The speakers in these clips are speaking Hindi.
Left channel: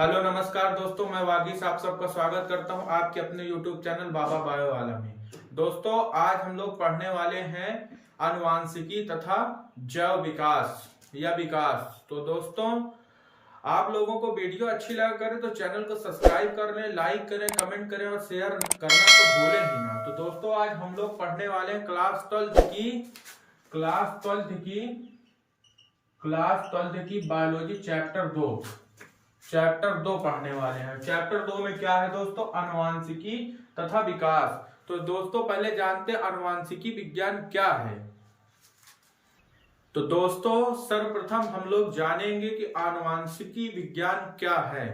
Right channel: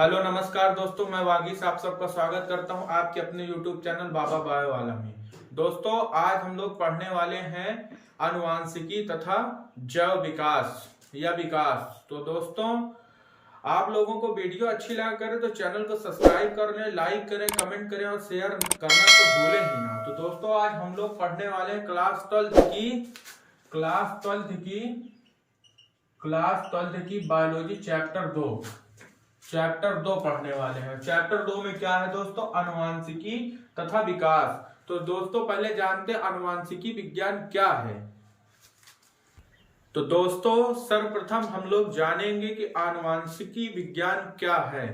हेलो नमस्कार दोस्तों, मैं वागीश आप सबका स्वागत करता हूं आपके अपने YouTube चैनल बाबा बायो वाला में। दोस्तों आज हम लोग पढ़ने वाले हैं आनुवांशिकी तथा जैव विकास या विकास। तो दोस्तों आप लोगों को वीडियो अच्छी लगा करे तो चैनल को सब्सक्राइब कर लें, लाइक करें, कमेंट करें और शेयर करना तो भूलें ही ना। तो दोस्तों आज हम लोग पढ़ने वाले हैं क्लास 12th की बायोलॉजी चैप्टर 2 पढ़ने वाले हैं। चैप्टर 2 में क्या है दोस्तों? आनुवांशिकी तथा विकास। तो दोस्तों पहले जानते हैं आनुवांशिकी विज्ञान क्या है। तो दोस्तों सर्वप्रथम हम लोग जानेंगे कि आनुवांशिकी विज्ञान क्या है।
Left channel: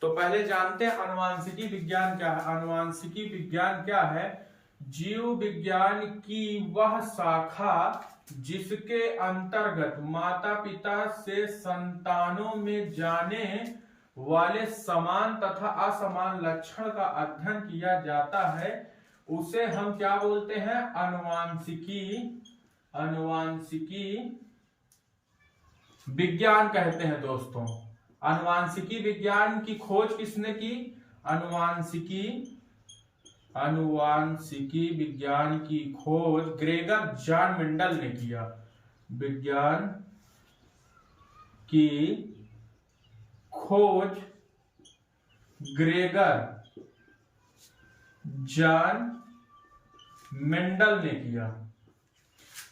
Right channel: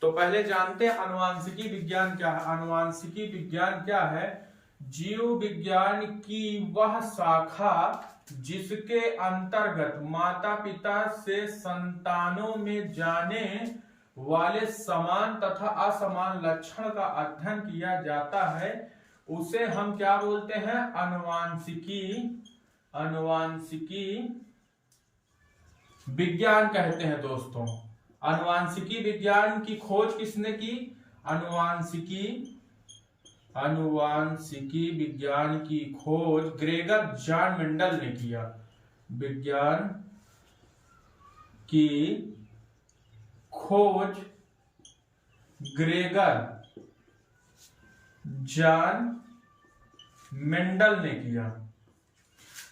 तो पहले जानते हैं आनुवांशिकी विज्ञान क्या है। आनुवांशिकी विज्ञान क्या है? जीव विज्ञान की वह शाखा जिसके अंतर्गत माता पिता से संतानों में जाने वाले समान तथा असमान लक्षण का अध्ययन किया जाता है, उसे हम क्या बोलते हैं? आनुवांशिकी विज्ञान कहते हैं दोस्तों। आनुवांशिकी विज्ञान की खोज किसने की? आनुवांशिकी विज्ञान की खोज ग्रेगर जॉन मेंडल ने किया। विज्ञान की खोज ग्रेगर जॉन मेंडल ने किया।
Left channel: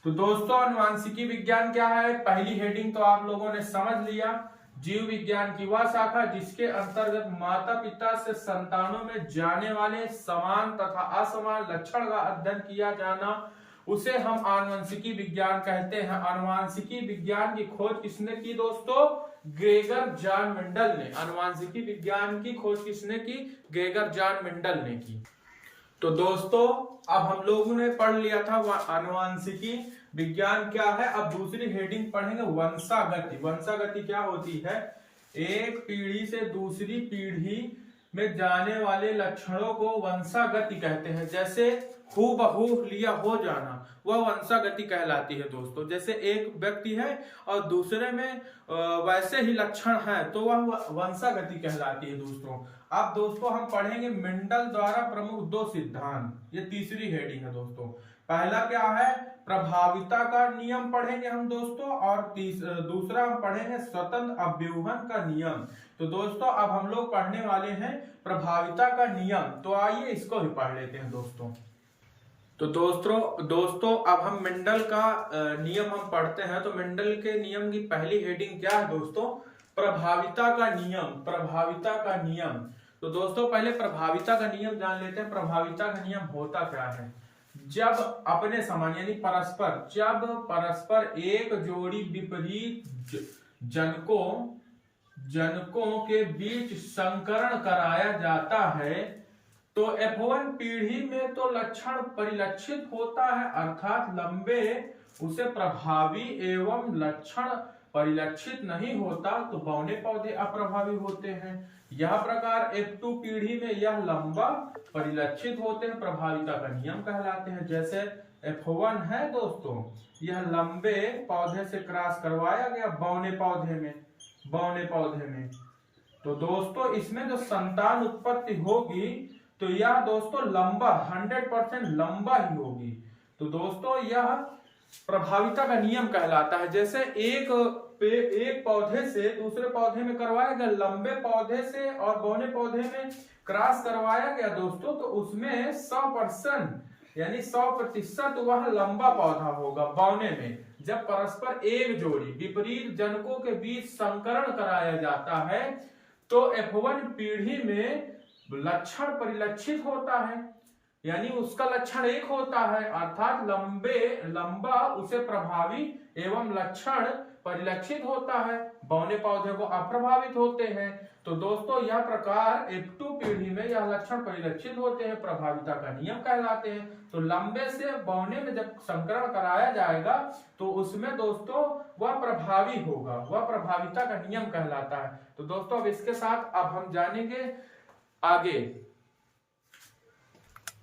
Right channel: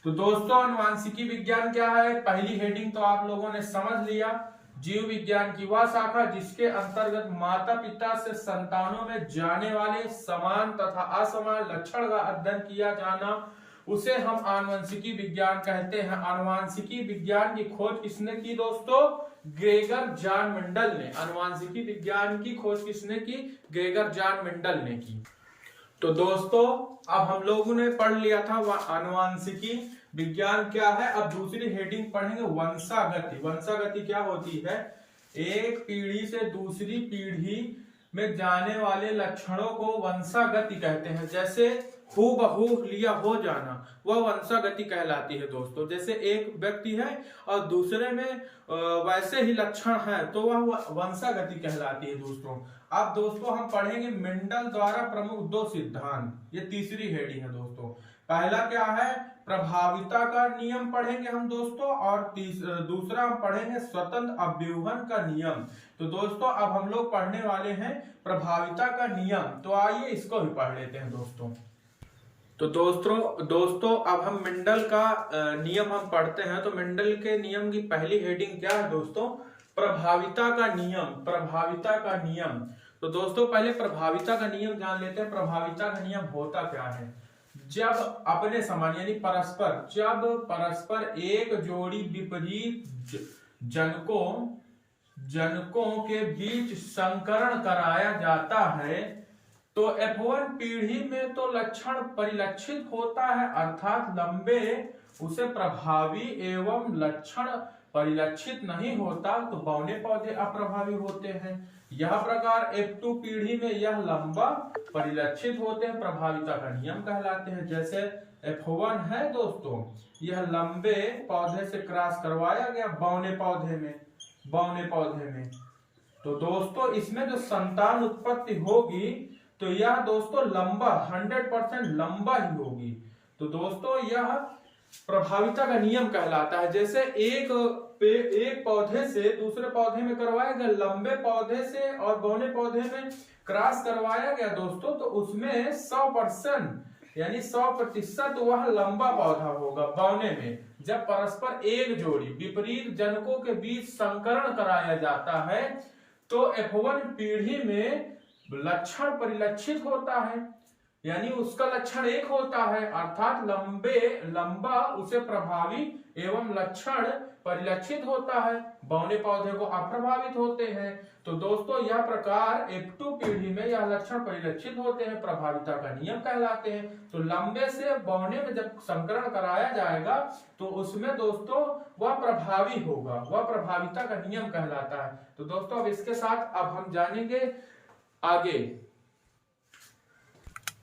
तो दोस्तों आनुवांशिकी विज्ञान क्या है? पहली हेडिंग तो आप लोगों ने समझ लिया। जीव विज्ञान की वह शाखा जिसके अंतर्गत माता पिता से संतानों में जाने वाले समान तथा असमान लक्षण का अध्ययन किया जाना, उसे हम आनुवंशिकी विज्ञान कहते हैं। आनुवंशिकी विज्ञान की खोज किसने की दोस्तों? ग्रेगर जॉन मेंडल ने। आनुवंशिकी विज्ञान की खोज किसने की? ग्रेगर जॉन मेंडल ने की। तो दोस्तों अब हम लोगों ने पढ़ लिया था आनुवंशिकी विज्ञान क्या है। अब दूसरी हेडिंग पढ़ेंगे वंशागति। वंशागति क्या होती है? एक पीढ़ी से दूसरी पीढ़ी में जाने वाले लक्षणों को वंशागति कहते हैं। जैसे हूबहू लिया हो जाना, वह वंशागति कहलाती है दोस्तों। जैसे एक व्यक्ति है और दूसरे में वैसे ही लक्षण है तो वह वंशागति कहलाती है दोस्तों। अब दोस्तों हम पढ़ेंगे मेंडल द्वारा प्रमुख 2 सिद्धांत। ये तीसरी हेडिंग है दोस्तों। पहला क्या है? प्रभाविता का नियम पढ़ेंगे हम दोस्तों, और दूसरा हम पढ़ेंगे स्वतंत्र अभ्यूहन का नियम। तो दोस्तों अब हम लोग पढ़ने वाले हैं प्रभाविता का नियम। तो आइए इसको भी पढ़ लेते हैं दोस्तों। तो दोस्तों अब हम मेंडल का नियम हम पढ़ते हैं। तो मेंडल के नियम की पहली हेडिंग क्या है दोस्तों? प्रभाविता का नियम। प्रभाविता का नियम। तो दोस्तों पहले प्रभाविता का नियम जान लेते हैं। प्रभाविता का नियम होता क्या है? जब अपने समान यानी परस्पर, जब परस्पर एक जोड़ी विपरीत जनकों के बीच संकरण कराया जाता है तो F1 पीढ़ी में तो लक्षण परिलक्षित होता है, अर्थात लंबे उसे प्रभावी एवं लक्षण परिलक्षित नहीं होता तो बौने पौधे अप्रभावी होते हैं। यह प्रकार F2 पीढ़ी में यह लंबा परिलक्षित होते हैं, प्रभाविता का नियम कहलाते हैं। जैसे F1 है दोस्तों, यह लंबे पौधे से क्रॉस करवाया गया बौने पौधे में। तो दोस्तों इसमें जो संतान उत्पत्ति होगी तो यह दोस्तों लंबा 100% लंबा ही होगी। तो दोस्तों यह प्रभाविता का नियम कहलाता है। जैसे एक पौधे से दूसरे पौधे में करवाया गया, लंबे पौधे से और बौने पौधे में क्रॉस करवाया गया दोस्तों, तो उसमें 100% यानी 100% वह लंबा पौधा होगा बौने में। जब परस्पर एक जोड़ी विपरीत जनकों के बीच संकरण कराया जाता है तो F1 पीढ़ी में लक्षण परिलक्षित होता है, यानी उसका लक्षण एक होता है, अर्थात लंबा उसे प्रभावी एवं लक्षण परिलक्षित होता है, बौने पौधे को अप्रभावित होते हैं। तो दोस्तों यह प्रकार F2 पीढ़ी में यह लक्षण परिलक्षित होते हैं, प्रभाविता का नियम कहलाते हैं। तो लंबे से बौने में जब संकरण कराया जाएगा तो उसमें दोस्तों वह प्रभावी होगा, वह प्रभाविता का नियम कहलाता है। तो दोस्तों अब इसके साथ अब हम जानेंगे आगे।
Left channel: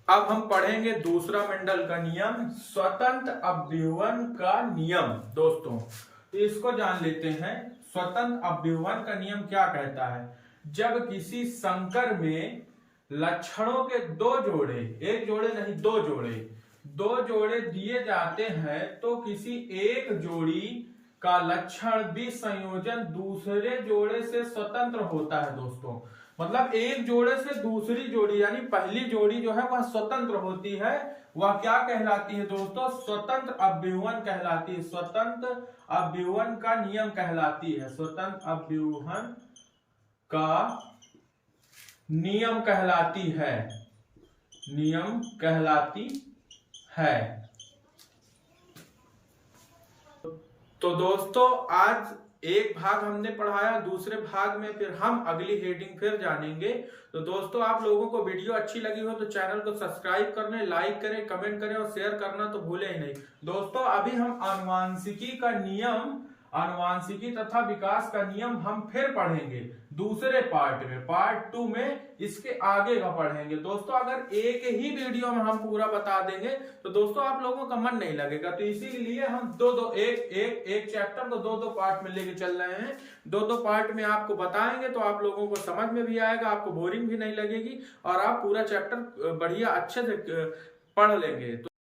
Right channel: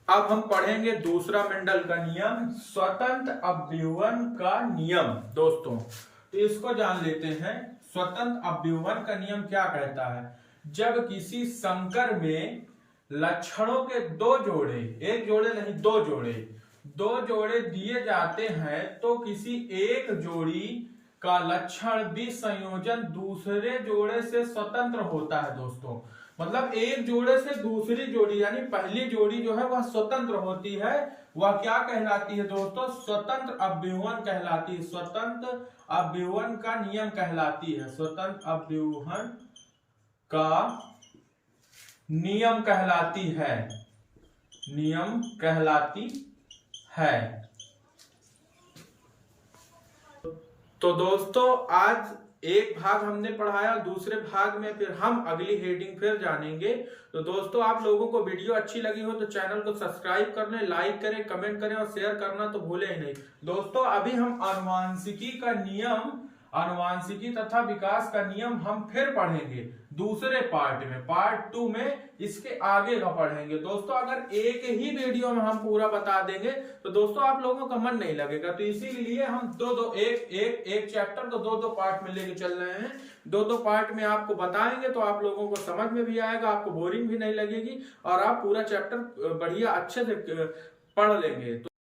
अब हम पढ़ेंगे दूसरा मेंडल का नियम, स्वतंत्र अभ्यूहन का नियम दोस्तों। तो इसको जान लेते हैं। स्वतंत्र अभ्यूहन का नियम क्या कहता है? जब किसी संकर में लक्षणों के दो जोड़े, एक जोड़े नहीं दो जोड़े दिए जाते हैं तो किसी एक जोड़ी का लक्षण भी संयोजन दूसरे जोड़े से स्वतंत्र होता है दोस्तों। मतलब एक जोड़े से दूसरी जोड़ी यानी पहली जोड़ी जो है वह स्वतंत्र होती है, वह क्या कहलाती है दोस्तों? स्वतंत्र अव्यूहन कहलाती है, स्वतंत्र अव्यूहन का नियम कहलाती है, स्वतंत्र अव्यूहन का नियम कहलाती है, नियम कहलाती है। तो दोस्तों आज एक भाग हमने पढ़ाया, दूसरे भाग में फिर हम अगली हेडिंग फिर जानेंगे। तो दोस्तों आप लोगों को वीडियो अच्छी लगी हो तो चैनल को सब्सक्राइब कर लें, लाइक करें, कमेंट करें और शेयर करना तो भूलें ही नहीं। दोस्तों अभी हम आनुवांशिकी का नियम, आनुवांशिकी तथा विकास का नियम हम फिर पढ़ेंगे दूसरे पार्ट में, पार्ट 2 में इसके आगे का पढ़ेंगे। दोस्तों अगर एक ही वीडियो में हम पूरा बता देंगे तो दोस्तों आप लोगों का मन नहीं लगेगा, तो इसीलिए हम एक चैप्टर तो दो पार्ट में लेके चल रहे हैं। दो पार्ट में आपको बताएंगे तो आप लोगों को समझ में भी आएगा, आपको बोरिंग भी नहीं लगेगी और आप पूरा चैप्टर बढ़िया अच्छे से पढ़ लेंगे।